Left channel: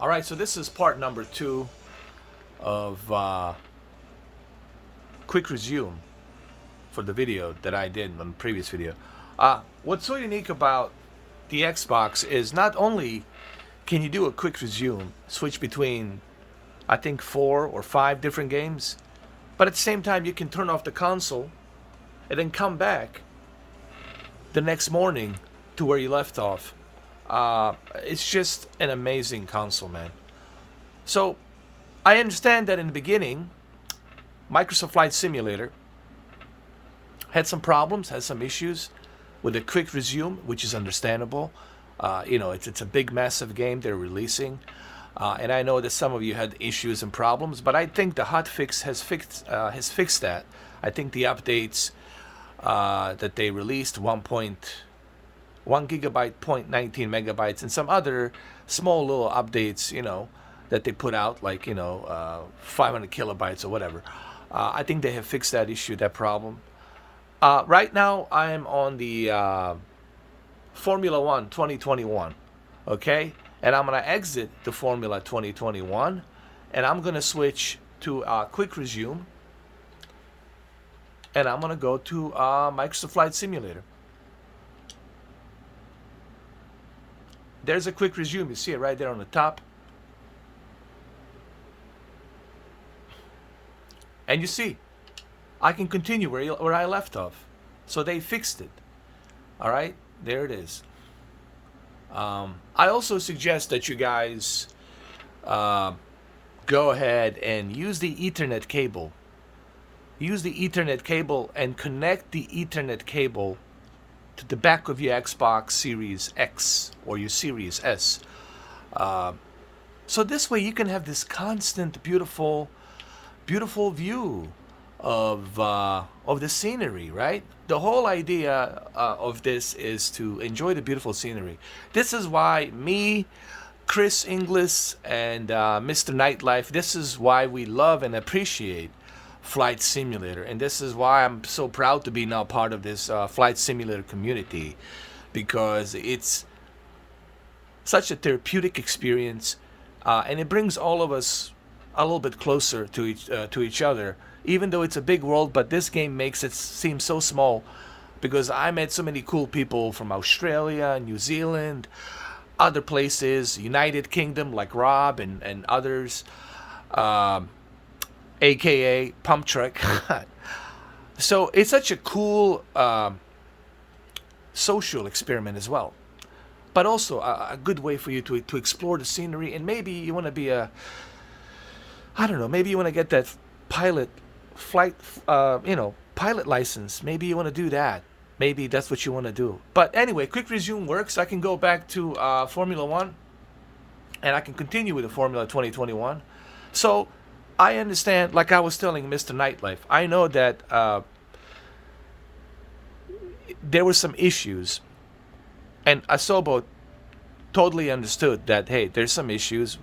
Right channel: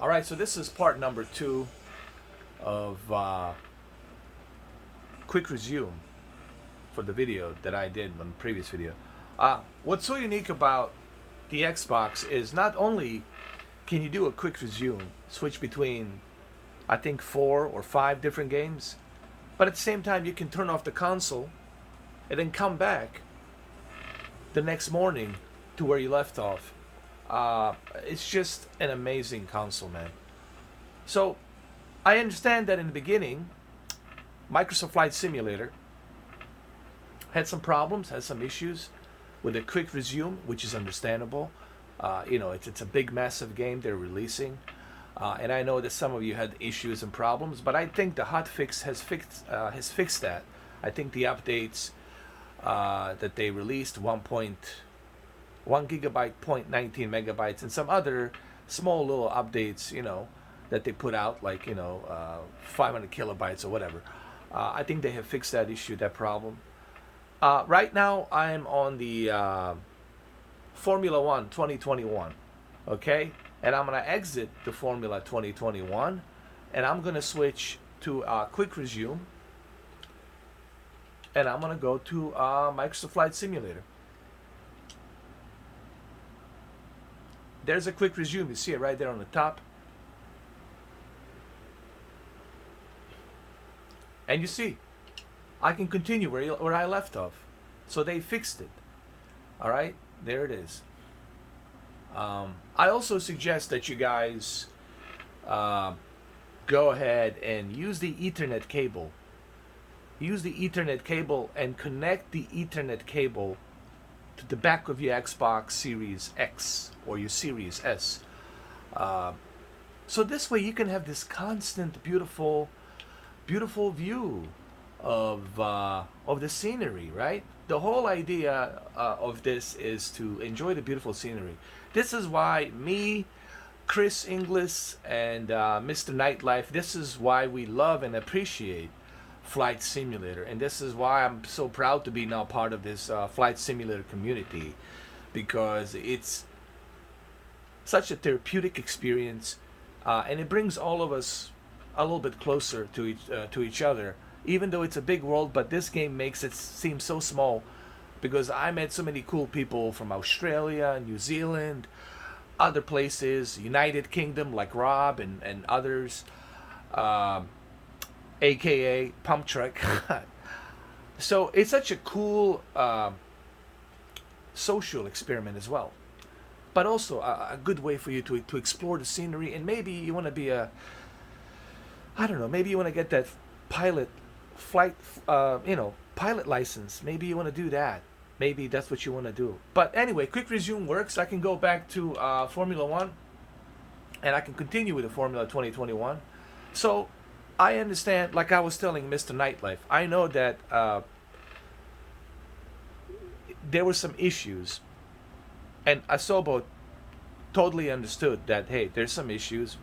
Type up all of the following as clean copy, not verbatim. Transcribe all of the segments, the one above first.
All right, so this is part number 2 of quick resume for the video that I did on the previous video. What's so unique about the Xbox is not only can you do a quick resume, switch between I think 4 or 5 different games, but at the same time you can turn off the console and then come back the next morning to where you left off. It's just an amazing console, man. So I understand that in the beginning, Microsoft Flight Simulator had some problems, had some issues with the quick resume, which is understandable. It's a big, massive game they're releasing, and I know that some of you had issues and problems, but I think the hot fix has fixed that. I think the updates that they released 1.1 gigabyte, 0.19 megabytes, and some other small little updates, that they put out, like 500 kilobytes or whatever. I think they have fixed that issue, that problem. Right now, I am on the Formula One 2021, okay? And I'm going to exit the Formula 2021, and I'm going to switch to Quick Resume, and I'm going to go to Microsoft Flight Simulator. There's a Quick Resume. You see it right there on the top. And you see, I can continue where I left off. So they fixed it. All right, there it is. I also suggest that you guys go ahead and use the Ethernet cable. Use the Ethernet cable and connect the Ethernet cable to the back of your Xbox Series X or your Series S. So this way you can have this constant, beautiful view of the scenery, right? The whole idea of this is to enjoy the beautiful scenery. This is why me, Chris Inglis, and Mr. Nightlife, this is why we love and appreciate Flight Simulator. And this is why I'm so proud to be now part of this Flight Simulator community, because it's such a therapeutic experience, and it brings all of us a little bit closer to each other, even though it's a big world. But this game makes it seem so small, because I met so many cool people from Australia, New Zealand, other places, United Kingdom like Rob and others, aka Pump Truck. So it's such a cool social experiment as well, but also a good way for you to explore the scenery. And maybe you want to be maybe you want to get that pilot license. Maybe you want to do that. Maybe that's what you want to do. But anyway, Quick Resume works. I can go back to Formula One, and I can continue with the Formula 2021. So I understand, like I was telling Mr. Nightlife, I know that there were some issues, and Asobo totally understood that, hey, there's some issues.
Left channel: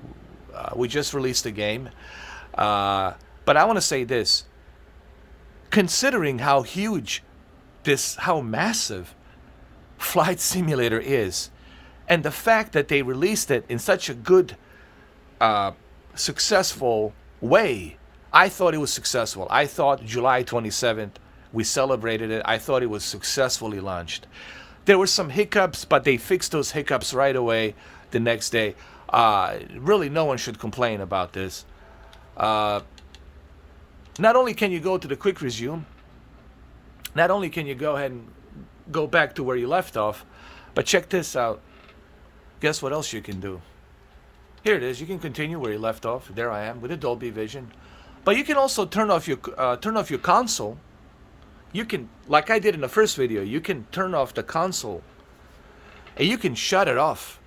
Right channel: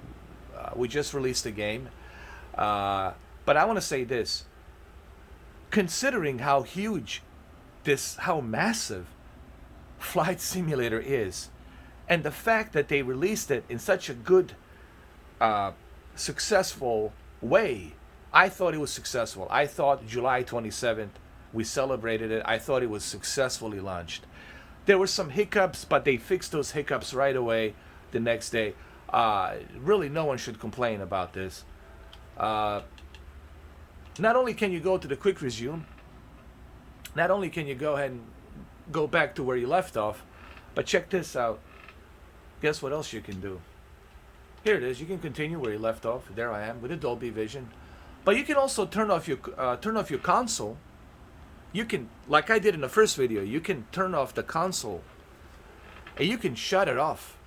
We just released the game. But I want to say this. Considering how how massive Flight Simulator is, and the fact that they released it in such a good, successful way, I thought it was successful. I thought July 27th, we celebrated it. I thought it was successfully launched. There were some hiccups, but they fixed those hiccups right away the next day. Really, no one should complain about this. Not only can you go to the Quick Resume, not only can you go ahead and go back to where you left off, but check this out. Guess what else you can do? Here it is. You can continue where you left off. There I am with the Dolby Vision. But you can also turn off your console. You can, like I did in the first video, you can turn off the console, and you can shut it off.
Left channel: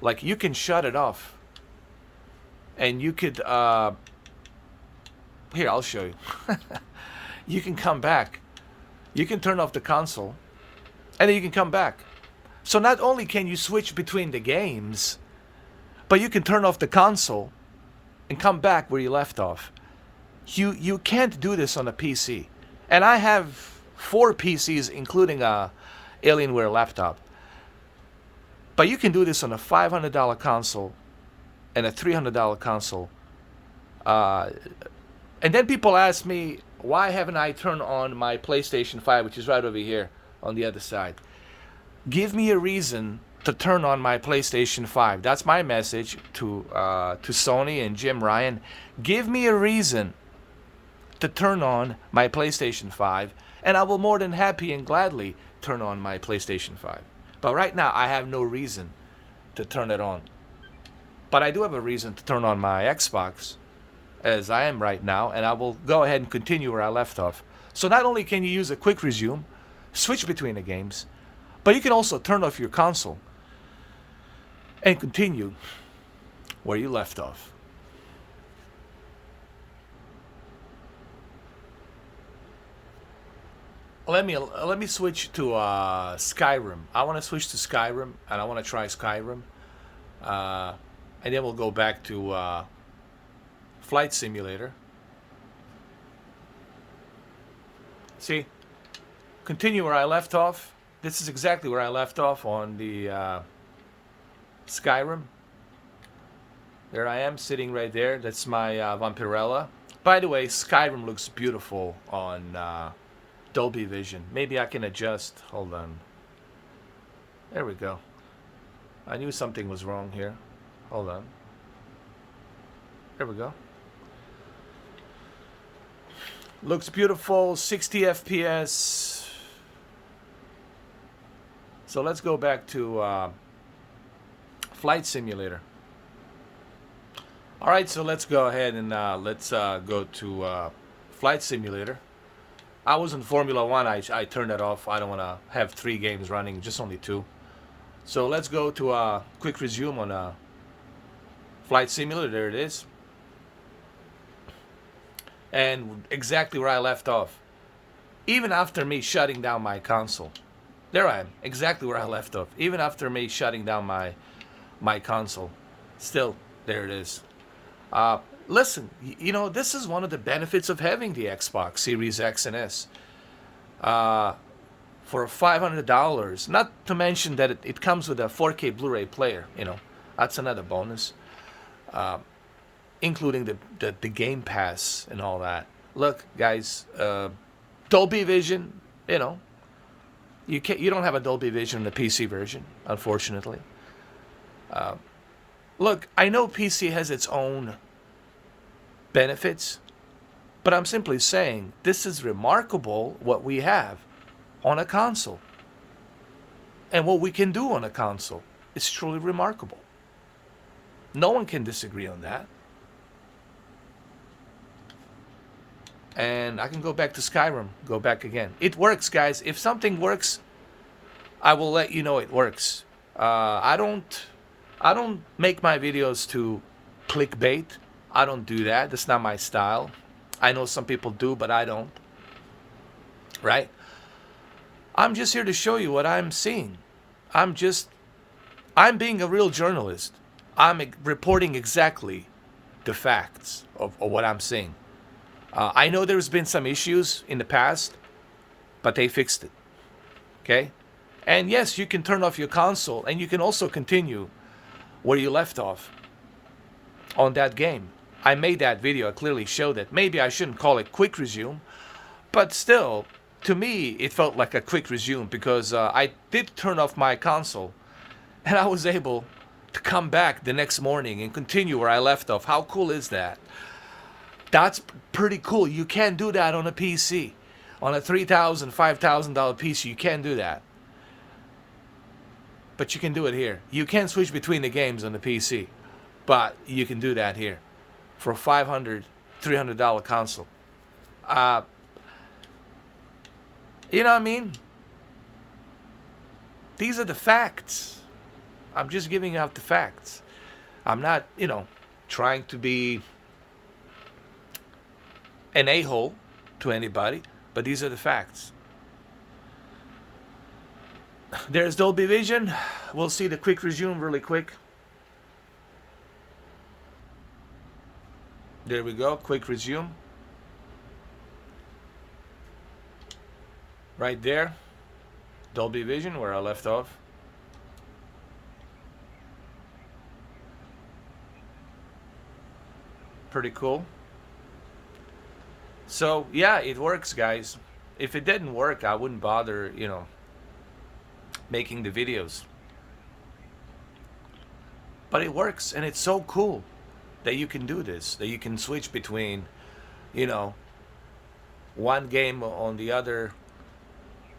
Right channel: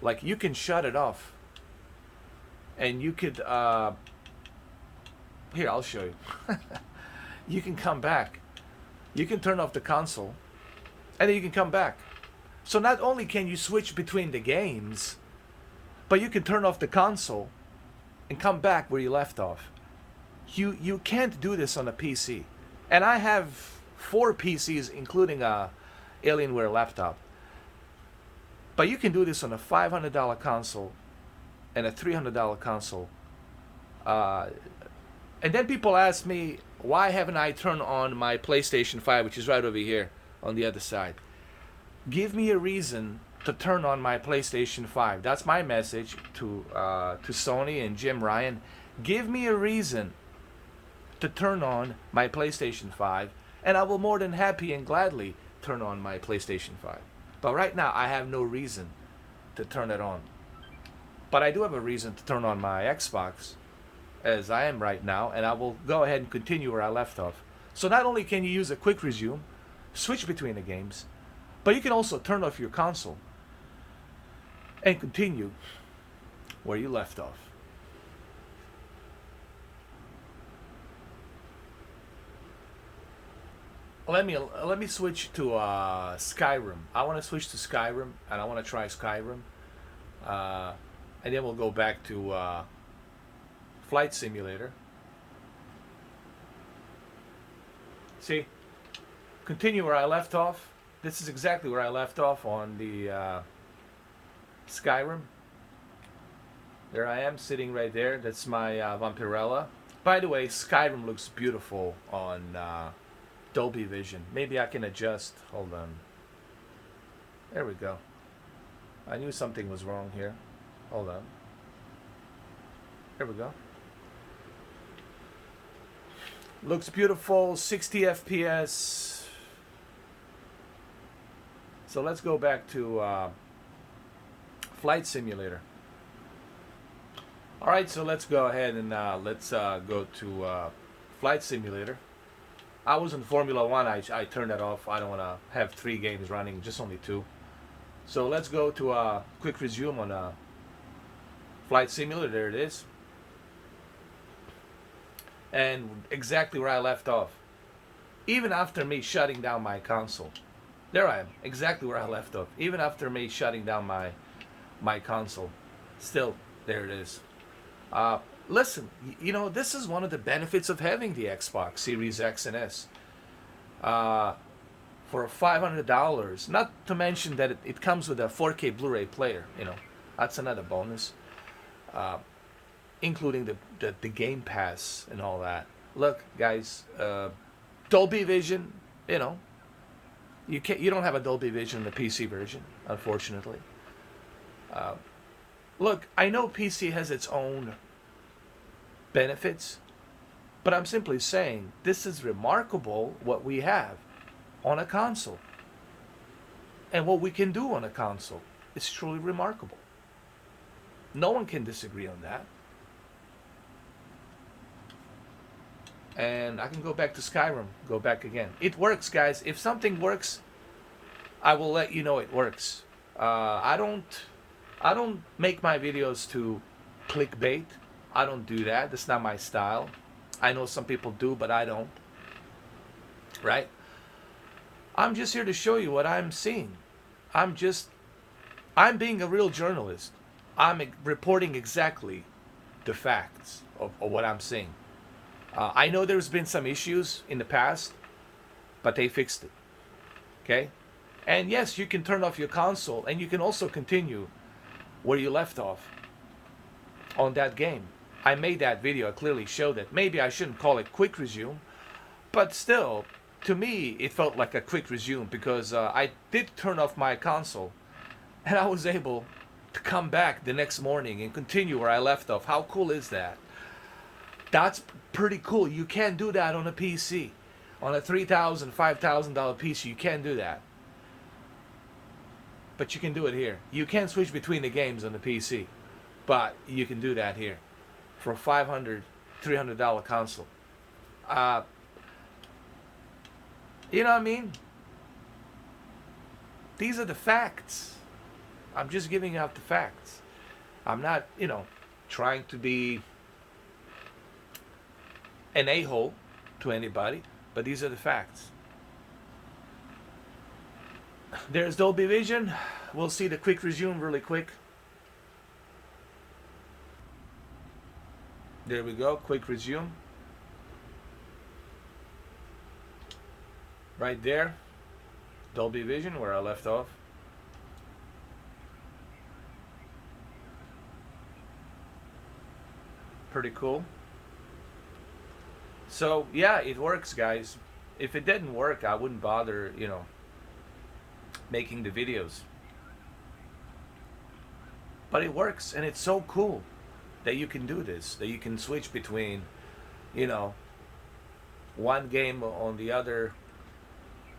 Like, you can shut it off, and you could here, I'll show you. You can come back. You can turn off the console, and then you can come back. So not only can you switch between the games, but you can turn off the console and come back where you left off. You can't do this on a PC. And I have 4 PCs, including a Alienware laptop. But you can do this on a $500 console and a $300 console. And then people ask me, why haven't I turned on my PlayStation 5, which is right over here on the other side? Give me a reason to turn on my PlayStation 5. That's my message to Sony and Jim Ryan. Give me a reason to turn on my PlayStation 5, and I will more than happy and gladly turn on my PlayStation 5. But right now, I have no reason to turn it on. But I do have a reason to turn on my Xbox, as I am right now, and I will go ahead and continue where I left off. So not only can you use a quick resume, switch between the games, but you can also turn off your console and continue where you left off. Let me switch to Skyrim. I want to switch to Skyrim, and I want to try Skyrim, and then we'll go back to Flight Simulator. See, continue where I left off. This is exactly where I left off on the Skyrim. There I am, sitting right there. That's my Vampirella. By the way, Skyrim looks beautiful on Dolby Vision. Maybe I can adjust. Hold on. There we go. I knew something was wrong here. Hold on. There we go. Looks beautiful. 60 FPS. So let's go back to Flight Simulator. All right, so let's go ahead and let's go to Flight Simulator. I was in Formula One. I turned that off. I don't want to have 3 games running, just only 2. So let's go to a quick resume on Flight Simulator. There it is. And exactly where I left off. Even after me shutting down my console. There I am, exactly where I left off. Even after me shutting down my console. Still, there it is. Listen, you know, this is one of the benefits of having the Xbox Series X and S. For $500, not to mention that it comes with a 4K Blu-ray player, you know, that's another bonus. Including the Game Pass and all that. Look, guys, Dolby Vision, you know, you don't have a Dolby Vision in the PC version, unfortunately. Look, I know PC has its own benefits, but I'm simply saying this is remarkable what we have on a console. And what we can do on a console is truly remarkable. No one can disagree on that. And I can go back to Skyrim, go back again. It works, guys. If something works, I will let you know it works. I don't make my videos to clickbait. I don't do that. That's not my style. I know some people do, but I don't. Right? I'm just here to show you what I'm seeing. I'm being a real journalist. I'm reporting exactly the facts of what I'm seeing. I know there's been some issues in the past, but they fixed it. Okay? And yes, you can turn off your console, and you can also continue where you left off on that game. I made that video. I clearly showed it. Maybe I shouldn't call it quick resume, but still, to me, it felt like a quick resume because I did turn off my console, and I was able to come back the next morning and continue where I left off. How cool is that? That's pretty cool. You can't do that on a PC. On a $3,000, $5,000 PC, you can't do that. But you can do it here. You can switch between the games on the PC, but you can do that here for a $500, $300 console. You know what I mean? These are the facts. I'm just giving out the facts. I'm not, you know, trying to be an a-hole to anybody, but these are the facts. There's Dolby Vision. We'll see the quick resume really quick. There we go, quick resume. Right there, Dolby Vision, where I left off. Pretty cool. So yeah, it works, guys. If it didn't work, I wouldn't bother, making the videos. But it works, and it's so cool that you can do this. That you can switch between, you know, one game on the other.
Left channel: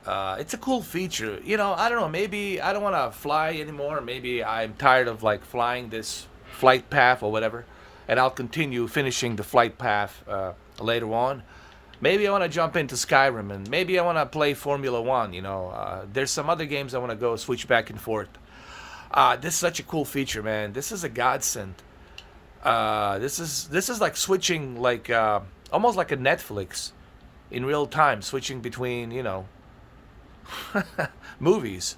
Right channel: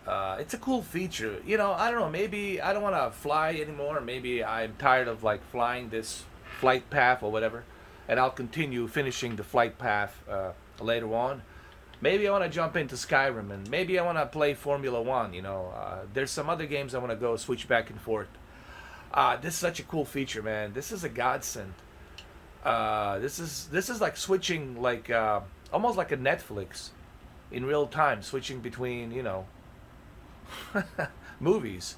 It's a cool feature. I don't know. Maybe I don't want to fly anymore. Maybe I'm tired of like flying this flight path or whatever, and I'll continue finishing the flight path later on. Maybe I want to jump into Skyrim, and maybe I want to play Formula One. There's some other games I want to go switch back and forth. This is such a cool feature, man. This is a godsend. This is like switching, like almost like a Netflix in real time, switching between movies.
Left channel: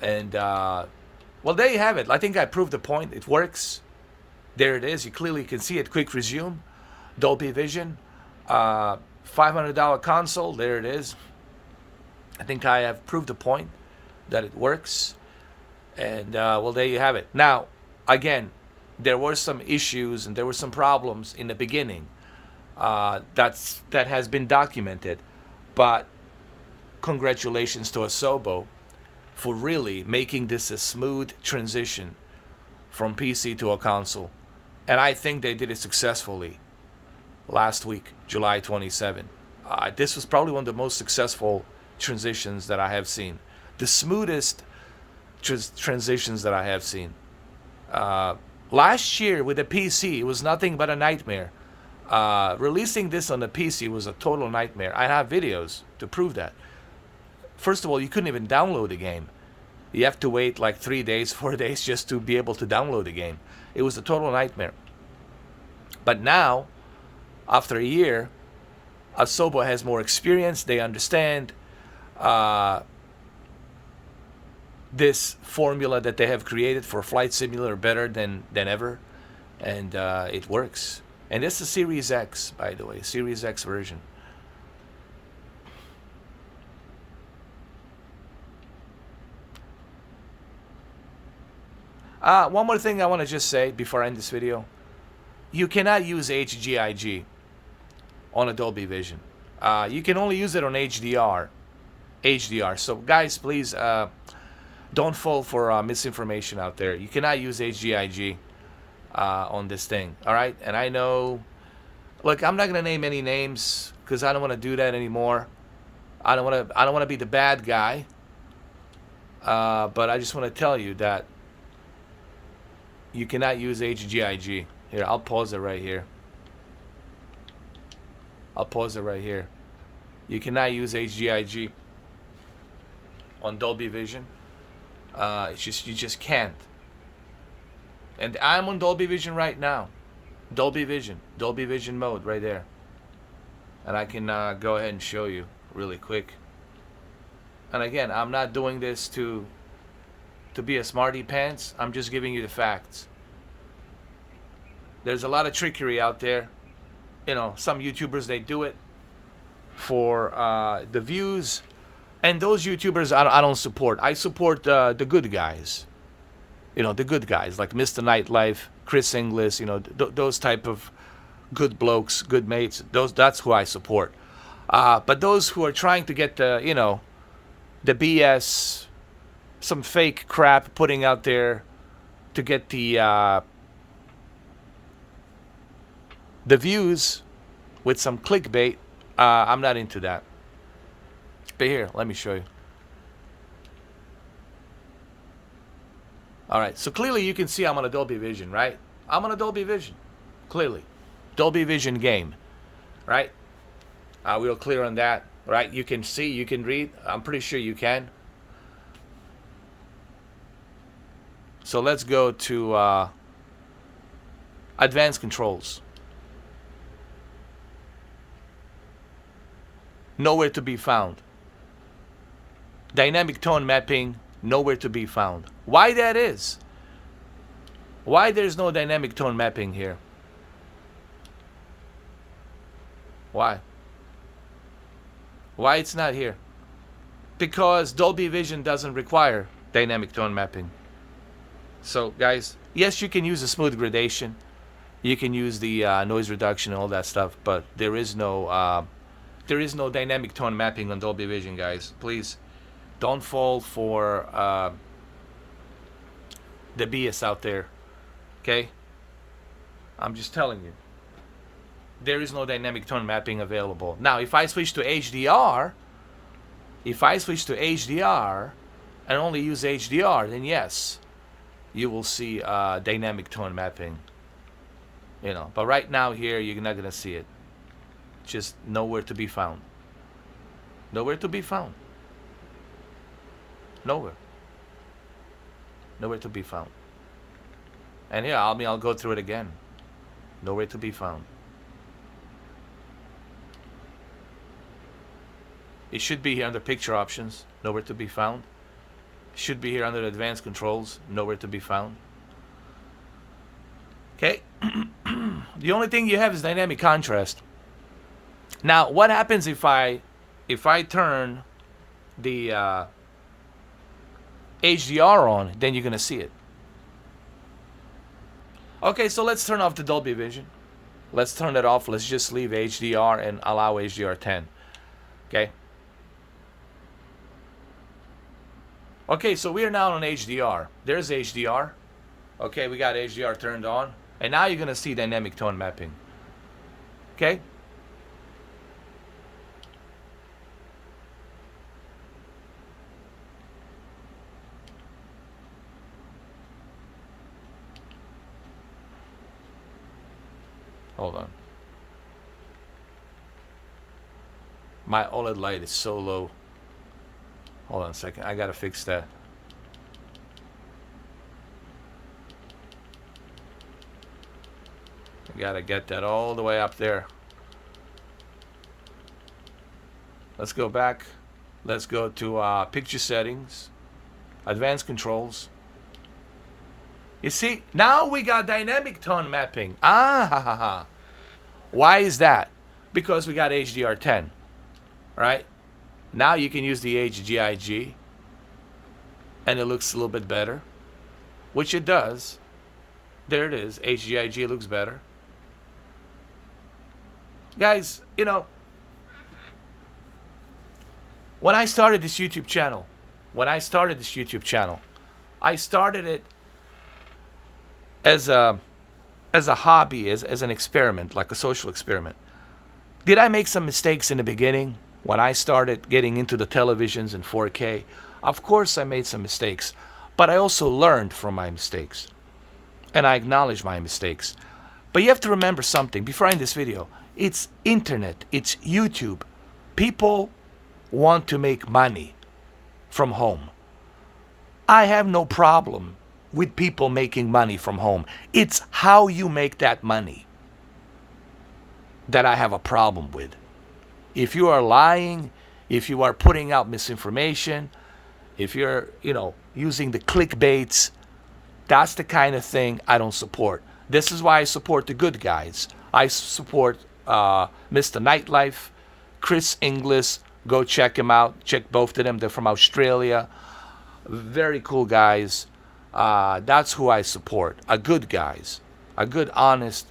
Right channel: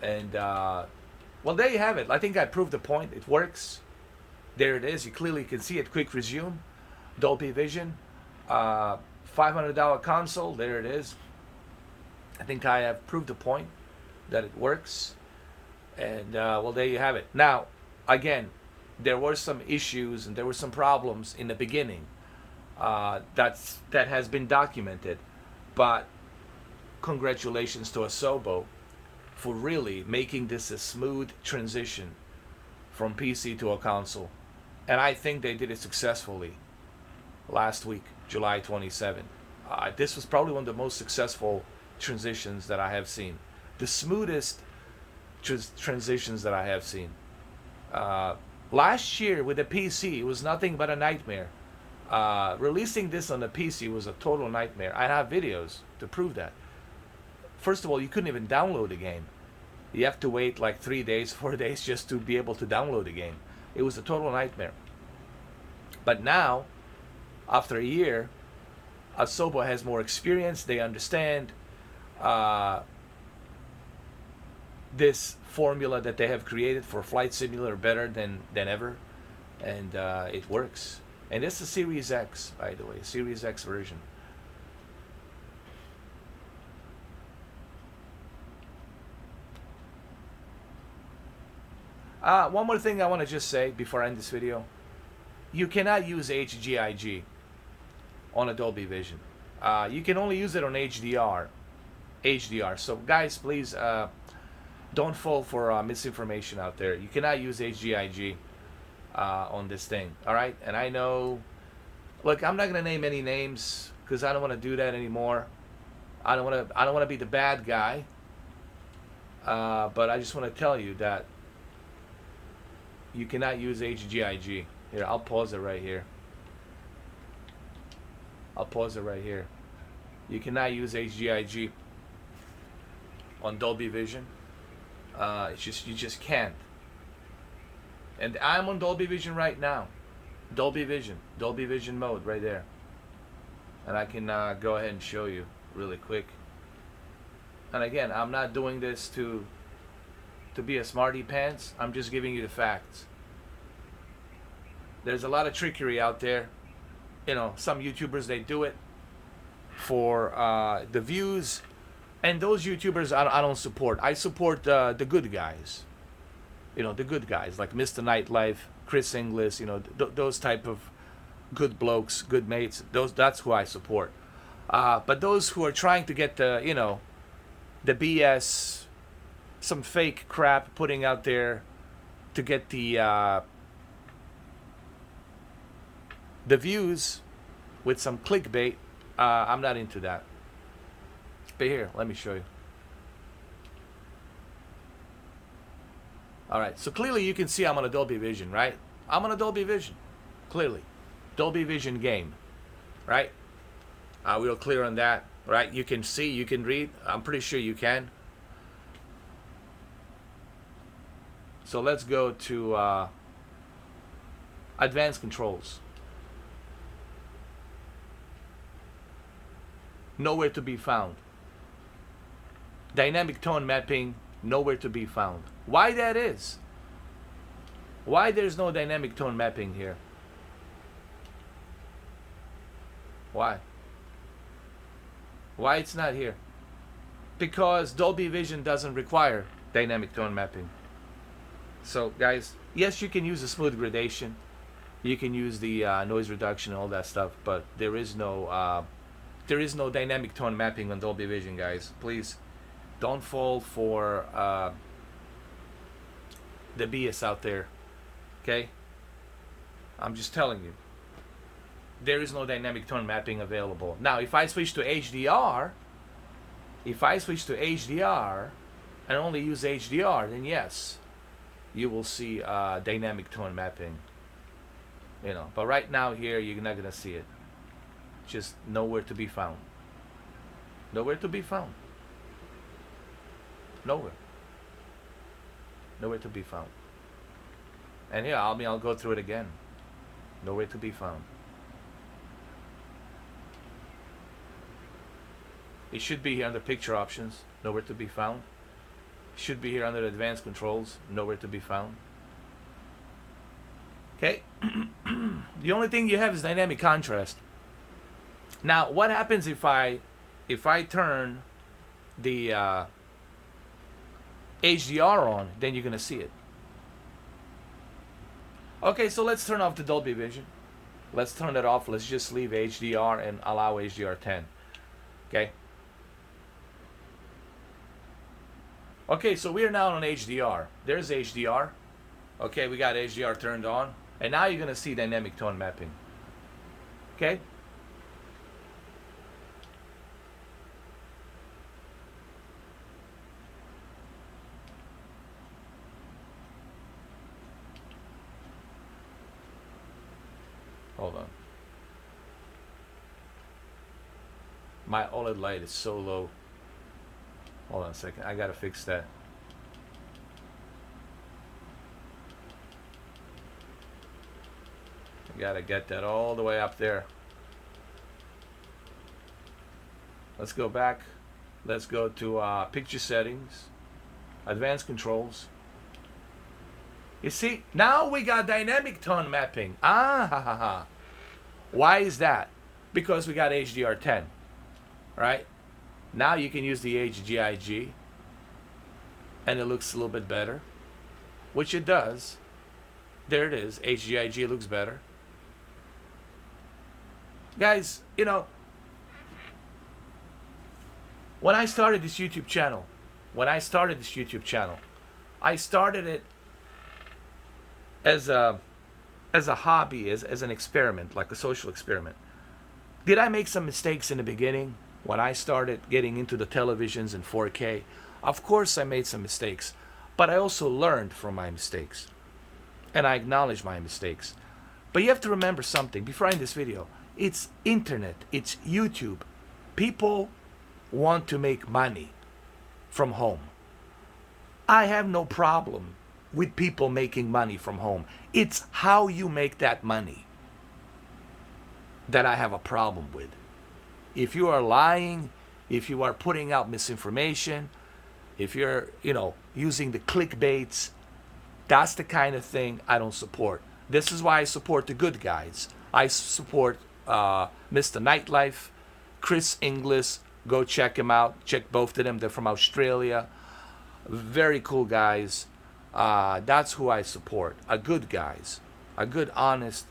And well, there you have it. I think I proved the point. It works. There it is. You clearly can see it. Quick resume, Dolby Vision, $500 console. There it is. I think I have proved the point that it works. And well, there you have it. Now, again, there were some issues and there were some problems in the beginning. That has been documented, but congratulations to Asobo for really making this a smooth transition from PC to a console. And I think they did it successfully last week, July 27. This was probably one of the most successful transitions that I have seen. The smoothest transitions that I have seen. Last year with the PC, it was nothing but a nightmare. Releasing this on the PC was a total nightmare. I have videos to prove that. First of all, you couldn't even download the game. You have to wait like 3 days, 4 days just to be able to download the game. It was a total nightmare. But now, after a year, Asobo has more experience. They understand this formula that they have created for Flight Simulator better than ever. And it works. And this is Series X, by the way, Series X version. One more thing I want to just say before I end this video. You cannot use HGIG on a Dolby Vision. You can only use it on HDR. So guys, please don't fall for misinformation out there. You cannot use HGIG on this thing. All right? And I know, look, I'm not going to name any names because I don't want to do that anymore. I don't want to be the bad guy. But I just want to tell you that you cannot use HGIG. Here, I'll pause it right here. You cannot use HGIG on Dolby Vision. You just can't. And I'm on Dolby Vision right now. Dolby Vision mode right there. And I can go ahead and show you really quick. And again, I'm not doing this to be a smarty pants. I'm just giving you the facts. There's a lot of trickery out there. Some YouTubers, they do it for the views. And those YouTubers I don't support. I support the good guys. The good guys like Mr. Nightlife, Chris Inglis, those type of good blokes, good mates. That's who I support. But those who are trying to get the BS, some fake crap putting out there to get the views with some clickbait, I'm not into that. But here, let me show you. All right, so clearly you can see I'm on a Dolby Vision, right? I'm on a Dolby Vision, clearly. Dolby Vision game, right? We're clear on that, right? You can see, you can read. I'm pretty sure you can. So let's go to advanced controls. Nowhere to be found. Dynamic tone mapping, nowhere to be found. Why that is? Why there's no dynamic tone mapping here? Why? Why it's not here? Because Dolby Vision doesn't require dynamic tone mapping. So guys, yes, you can use a smooth gradation. You can use the noise reduction and all that stuff, but there is no dynamic tone mapping on Dolby Vision, guys. Please don't fall for the BS out there. Okay? I'm just telling you. There is no dynamic tone mapping available. Now, if I switch to HDR, and only use HDR, then yes, you will see dynamic tone mapping. But right now here, you're not gonna see it. Just nowhere to be found. Nowhere to be found. Nowhere. Nowhere to be found. And yeah, I'll go through it again. Nowhere to be found. It should be here under picture options. Nowhere to be found. It should be here under advanced controls. Nowhere to be found. Okay. The only thing you have is dynamic contrast. Now, what happens if I turn the HDR on? Then you're gonna see it. Okay, so let's turn off the Dolby Vision. Let's turn it off. Let's just leave HDR and allow HDR 10. Okay. Okay, so we are now on HDR. There's HDR. Okay, we got HDR turned on. And now you're gonna see dynamic tone mapping. Okay? Hold on. My OLED light is so low. Hold on a second. I gotta fix that. I gotta get that all the way up there. Let's go back. Let's go to picture settings, advanced controls. You see, now we got dynamic tone mapping. Why is that? Because we got HDR10, right? Now you can use the HGIG, and it looks a little bit better, which it does. There it is. HGIG looks better. Guys, when I started this YouTube channel, I started it as a hobby, as an experiment, like a social experiment. Did I make some mistakes in the beginning when I started getting into the televisions in 4K? Of course I made some mistakes, but I also learned from my mistakes, and I acknowledge my mistakes. But you have to remember something before I end this video. It's internet, it's YouTube. People want to make money from home. I have no problem with people making money from home. It's how you make that money that I have a problem with. If you are lying, if you are putting out misinformation, if you're, using the clickbaits, that's the kind of thing I don't support. This is why I support the good guys. I support Mr. Nightlife, Chris Inglis. Go check him out. Check both of them. They're from Australia. Very cool guys. That's who I support. A good guys. A good, honest,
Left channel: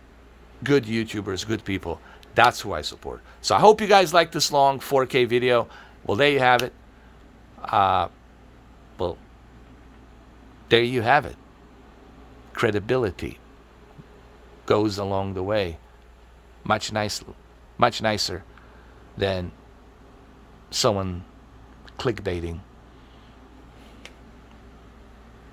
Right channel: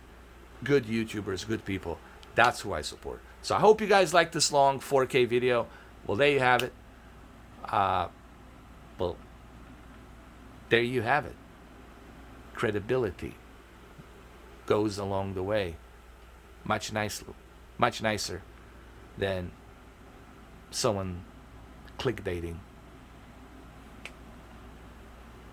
good YouTubers, good people. That's who I support. So I hope you guys like this long 4K video. Well, there you have it. Well, there you have it. Credibility goes along the way. Much nicer than someone clickbaiting